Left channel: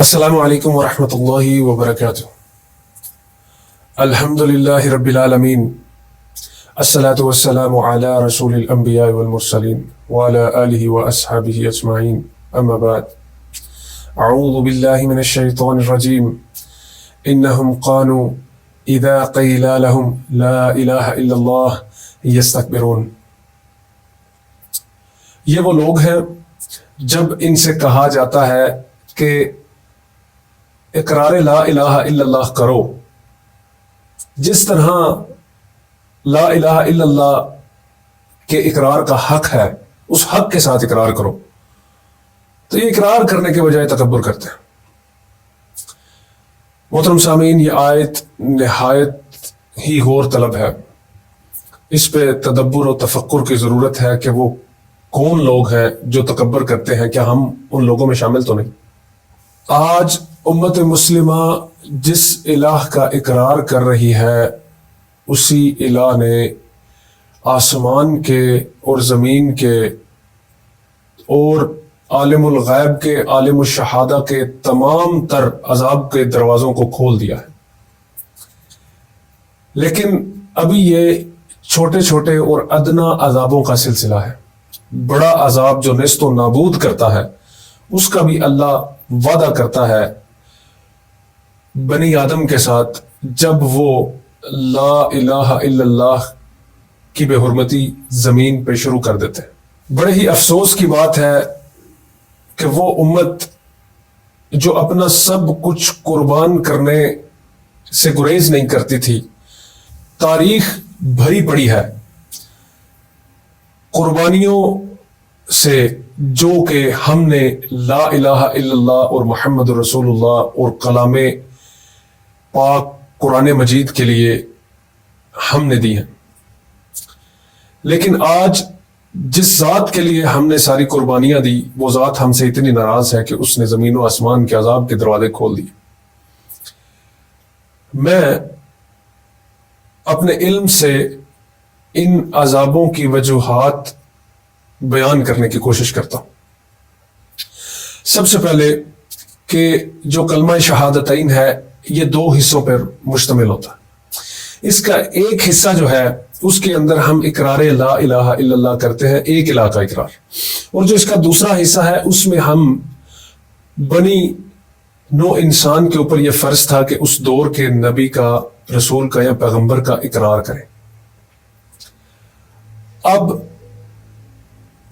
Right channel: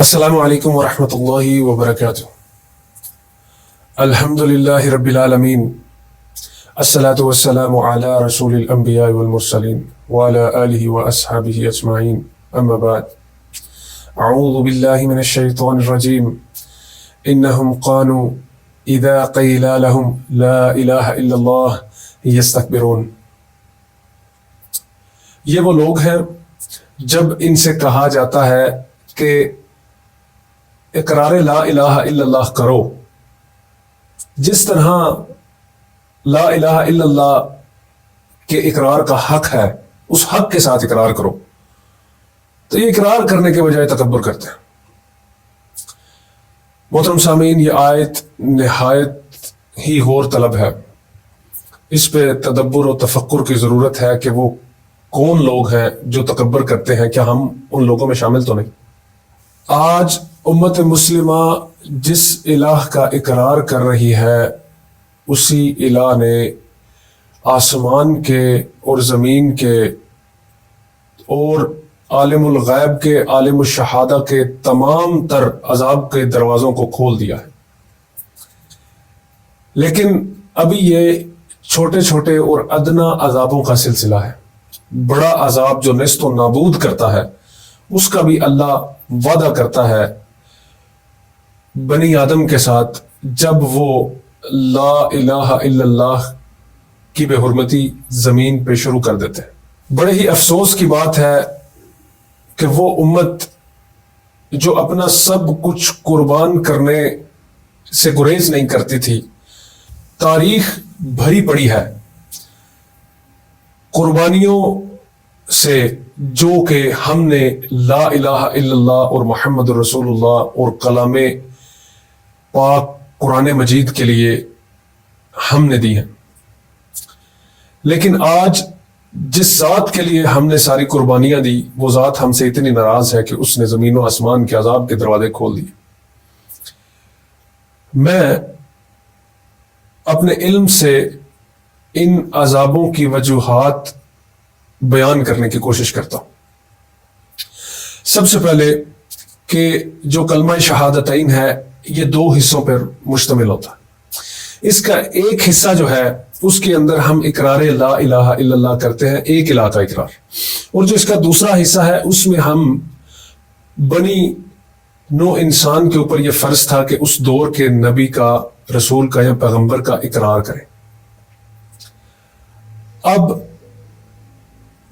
السلام علیکم ورحمۃ اللہ وبرکاتہ۔ الحمد للہ رب العالمین، الصلاۃ والسلام علی رسول الانبیاء والمرسلین وعلی آلہ واصحابہ اجمعین، اما بعد۔ اعوذ باللہ من الشیطان الرجیم، انہم قالوا اذا قیل لهم لا الہ الا اللہ یستکبرون۔ یہ وہ لوگ ہیں جب ان سے کہا جاتا ہے کہ اقرار لا الہ الا اللہ کرو، جس طرح لا الہ الا اللہ کے اقرار کا حق ہے اس حق کے ساتھ اقرار کرو، تو یہ اقرار کرنے کے بجائے تکبر کرتے ہیں۔ محترم سامعین، یہ آیت نہایت ہی غور طلب ہے، اس پہ تدبر و تفکر کی ضرورت ہے کہ وہ کون لوگ ہیں جو تکبر کرتے ہیں، کیا ہم ان لوگوں میں شامل تو نہیں؟ آج امت مسلمہ جس الہ کا اقرار کر رہی ہے، اسی الہ نے آسمان کے اور زمین کے اور عالم الغیب کے، عالم الشہادہ کے تمام تر عذاب کے دروازوں کو کھول دیا ہے، لیکن ابھی یہ چھوٹے چھوٹے اور ادنا عذابوں کا سلسلہ ہے۔ بڑا عذاب جو نیست و نابود کرتا ہے، اس کا بھی اللہ وعدہ کرتا ہے بنی آدم کے ساتھ، جب وہ لا الہ الا اللہ کی بے حرمتی زمین پہ شروع کر دیتے ہیں۔ بڑے ہی افسوس کی بات ہے کہ وہ امت جو اپنا سب کچھ قربان کرنے سے گریز نہیں کرتی تھی، تاریخ بھری پڑی ہے قربانیوں سے، جو کہ ہم نے لا الہ الا اللہ اور محمد رسول اللہ اور کلام پاک قرآن مجید کے لیے ہم نے دی ہیں۔ لیکن آج جس ذات کے لیے ہم نے ساری قربانیاں دی، وہ ذات ہم سے اتنی ناراض ہے کہ اس نے زمین و آسمان کے عذاب کے دروازے کھول دیے۔ میں اپنے علم سے ان عذابوں کی وجوہات بیان کرنے کی کوشش کرتا ہوں۔ سب سے پہلے کہ جو کلمہ شہادتین ہے، یہ دو حصوں پر مشتمل ہوتا ہے۔ اس کا ایک حصہ جو ہے، اس کے اندر ہم اقرار لا الہ الا اللہ کرتے ہیں، ایک الہ کا اقرار، اور جو اس کا دوسرا حصہ ہے، اس میں ہم بنی نو انسان کے اوپر یہ فرض تھا کہ اس دور کے نبی کا، رسول کا یا پیغمبر کا اقرار کریں۔ اب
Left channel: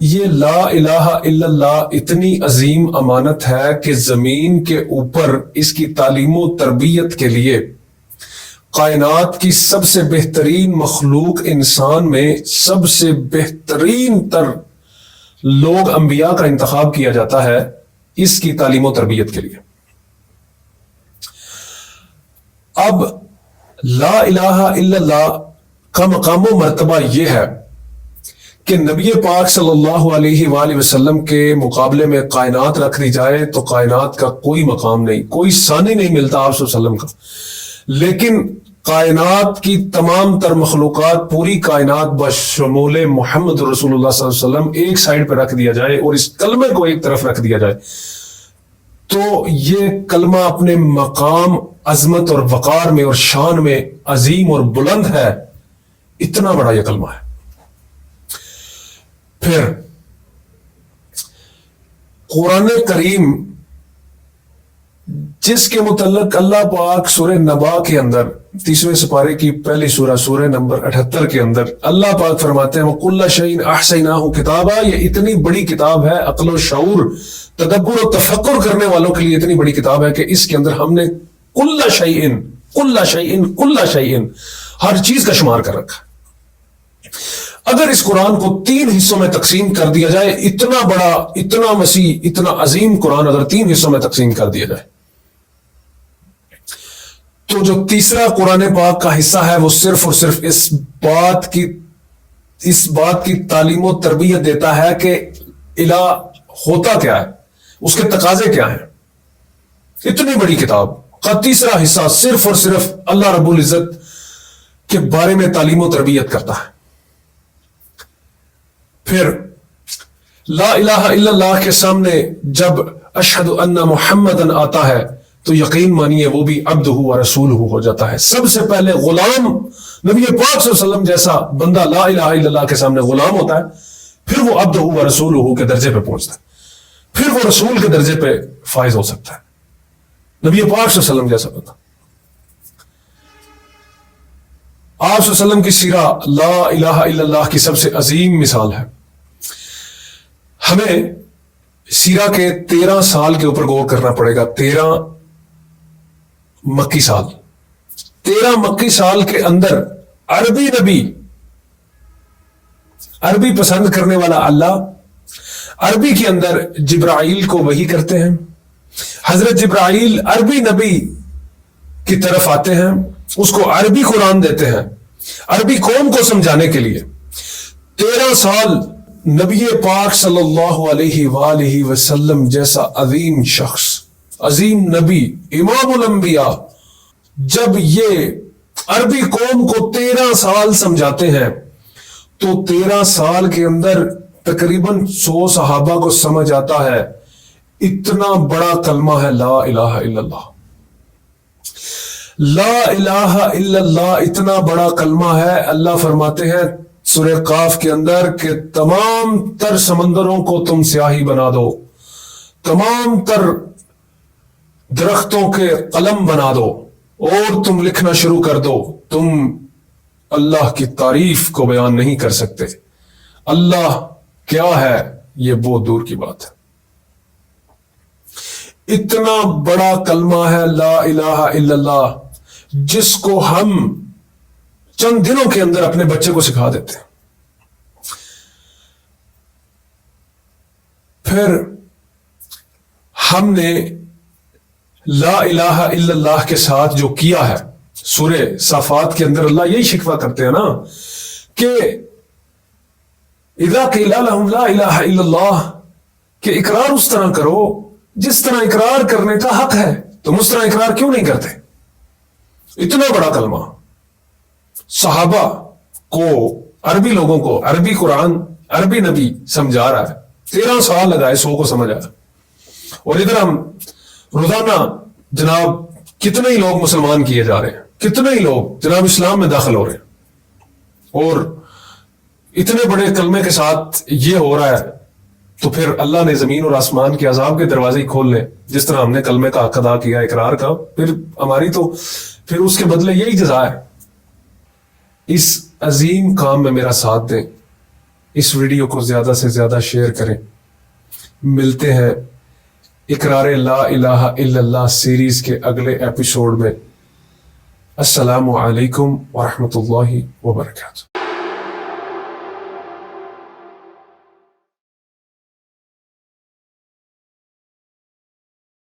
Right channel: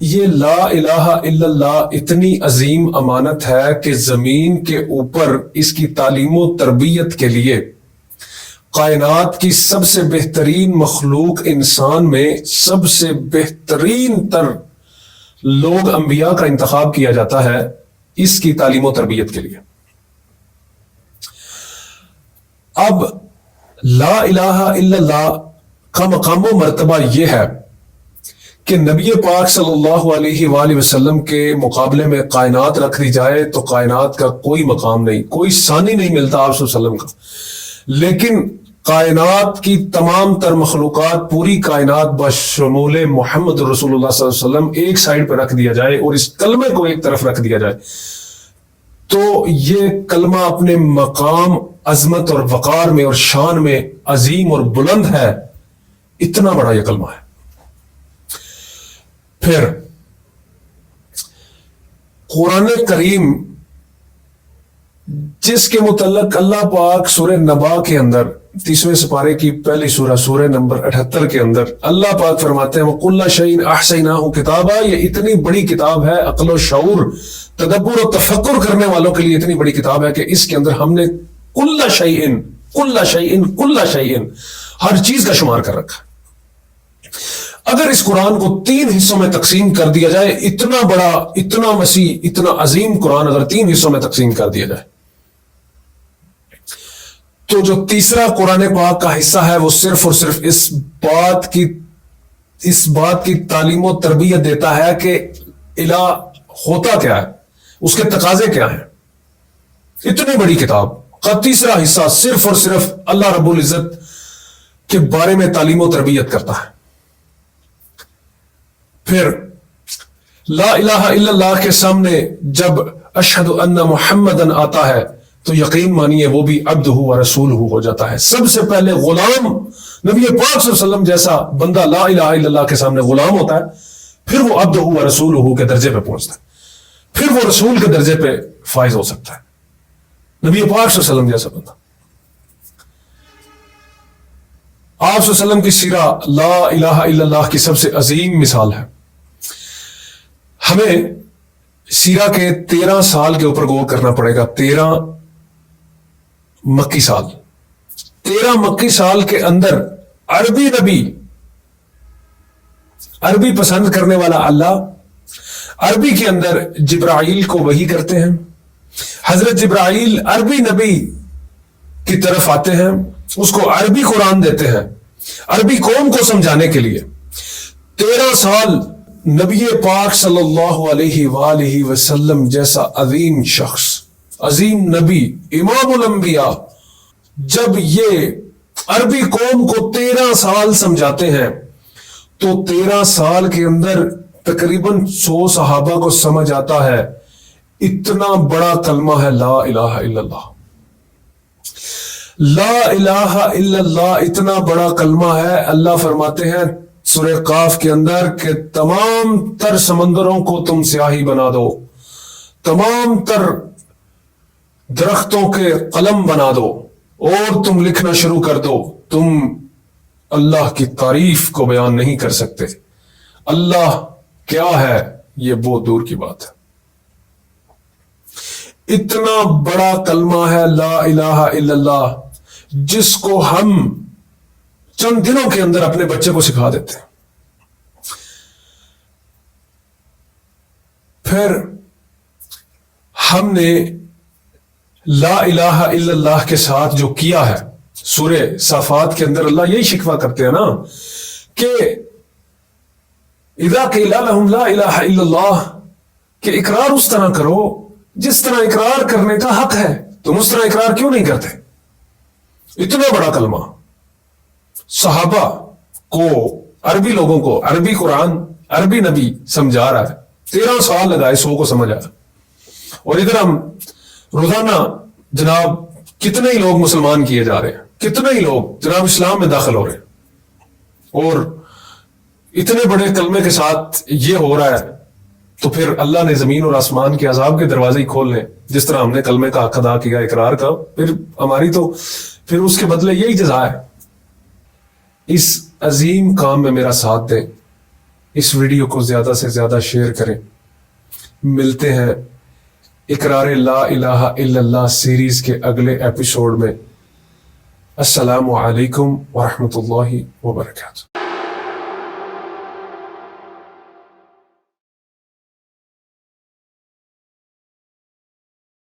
یہ لا الہ الا اللہ اتنی عظیم امانت ہے کہ زمین کے اوپر اس کی تعلیم و تربیت کے لیے کائنات کی سب سے بہترین مخلوق انسان میں سب سے بہترین تر لوگ، انبیاء کا انتخاب کیا جاتا ہے اس کی تعلیم و تربیت کے لیے۔ اب لا الہ الا اللہ کا مقام و مرتبہ یہ ہے کہ نبی پاک صلی اللہ علیہ وآلہ وسلم کے مقابلے میں کائنات رکھ دی جائے تو کائنات کا کوئی مقام نہیں، کوئی ثانی نہیں ملتا آپ صلی اللہ علیہ وسلم کا، لیکن کائنات کی تمام تر مخلوقات، پوری کائنات بشمول محمد رسول اللہ صلی اللہ علیہ وسلم ایک سائڈ پہ رکھ دیا جائے اور اس کلمے کو ایک طرف رکھ دیا جائے، تو یہ کلمہ اپنے مقام، عظمت اور وقار میں اور شان میں عظیم اور بلند ہے۔ اتنا بڑا یہ کلمہ ہے۔ پھر قرآن کریم، جس کے متعلق اللہ پاک سورہ نبا کے اندر 30ویں سپارے کی پہلی سورہ، سورہ نمبر 78 کے اندر اللہ پاک فرماتے ہیں وَكُلَّ شَيْءٍ أَحْصَيْنَاهُ كِتَابًا، یہ اتنی بڑی کتاب ہے، عقل و شعور، تدبر و تفکر کرنے والوں کے لیے اتنی بڑی کتاب ہے کہ اس کے اندر ہم نے کل شیء، ہر چیز کا شمار کر رکھا۔ اگر اس قرآن کو 3 حصوں میں تقسیم کر دیا جائے، اتنا بڑا، اتنا وسیع، اتنا عظیم قرآن اگر 3 حصوں میں تقسیم کر دیا جائے، تو جو تیسرا قرآن پاک کا حصہ ہے وہ صرف اور صرف اس بات کی تعلیم و تربیت دیتا ہے کہ الہ ہوتا کیا ہے، اس کے تقاضے کیا ہیں۔ اتنی بڑی کتاب کا تیسرا حصہ صرف اور صرف اللہ رب العزت کے بارے میں تعلیم و تربیت کرتا ہے۔ پھر لا الہ الا اللہ کے سامنے جب اشہد ان محمدن آتا ہے تو یقین مانیے وہ بھی عبدہ و رسولہ ہو جاتا ہے. سب سے پہلے غلام نبی پاک صلی اللہ علیہ وسلم جیسا بندہ لا الہ الا اللہ کے سامنے غلام ہوتا ہے, پھر وہ عبدہ و رسولہ کے درجے پہ پہنچتا ہے, پھر وہ رسول کے درجے پہ فائز ہو سکتا ہے. نبی پاک صلی اللہ علیہ وسلم جیسا بندہ. آپ صلی اللہ علیہ وسلم کی سیرہ لا الہ الا اللہ کی سب سے عظیم مثال ہے. ہمیں سیرہ کے 13 سال کے اوپر غور کرنا پڑے گا. 13 مکی سال, 13 مکی سال کے اندر عربی نبی, عربی پسند کرنے والا اللہ, عربی کے اندر جبرائیل کو وحی کرتے ہیں. حضرت جبرائیل عربی نبی کی طرف آتے ہیں, اس کو عربی قرآن دیتے ہیں عربی قوم کو سمجھانے کے لیے. 13 سال نبی پاک صلی اللہ علیہ وآلہ وسلم جیسا عظیم شخص, عظیم نبی, امام الانبیاء, جب یہ عربی قوم کو 13 سال سمجھاتے ہیں تو 13 سال کے اندر تقریباً 100 صحابہ کو سمجھ آتا ہے اتنا بڑا کلمہ ہے لا الہ الا اللہ. لا الہ الا اللہ اتنا بڑا کلمہ ہے, اللہ فرماتے ہیں سورہ قاف کے اندر کہ تمام تر سمندروں کو تم سیاہی بنا دو, تمام تر درختوں کے قلم بنا دو اور تم لکھنا شروع کر دو, تم اللہ کی تعریف کو بیان نہیں کر سکتے. اللہ کیا ہے یہ بہت دور کی بات ہے. اتنا بڑا کلمہ ہے لا الہ الا اللہ جس کو ہم چند دنوں کے اندر اپنے بچے کو سکھا دیتے ہیں. پھر ہم نے لا الہ الا اللہ کے ساتھ جو کیا ہے, سورہ صافات کے اندر اللہ یہی شکوہ کرتے ہیں نا کہ اذا قیل لہم لا الہ الا اللہ, کہ اقرار اس طرح کرو جس طرح اقرار کرنے کا حق ہے, تم اس طرح اقرار کیوں نہیں کرتے. اتنا بڑا کلمہ صحابہ کو, عربی لوگوں کو عربی قرآن, عربی نبی سمجھا رہا ہے. 13 سال لگائے 100 کو سمجھ آیا. اور ادھر ہم روزانہ جناب کتنے ہی لوگ مسلمان کیے جا رہے ہیں, کتنے ہی لوگ جناب اسلام میں داخل ہو رہے ہیں, اور اتنے بڑے کلمے کے ساتھ یہ ہو رہا ہے. تو پھر اللہ نے زمین اور آسمان کے عذاب کے دروازے کھول لیں. جس طرح ہم نے کلمے کا حق ادا کیا, اقرار کا, پھر ہماری تو پھر اس کے بدلے یہی جزا ہے. اس عظیم کام میں میرا ساتھ دیں, اس ویڈیو کو زیادہ سے زیادہ شیئر کریں. ملتے ہیں اقرار لا الہ الا اللہ سیریز کے اگلے ایپیسوڈ میں. السلام علیکم ورحمۃ اللہ وبرکاتہ.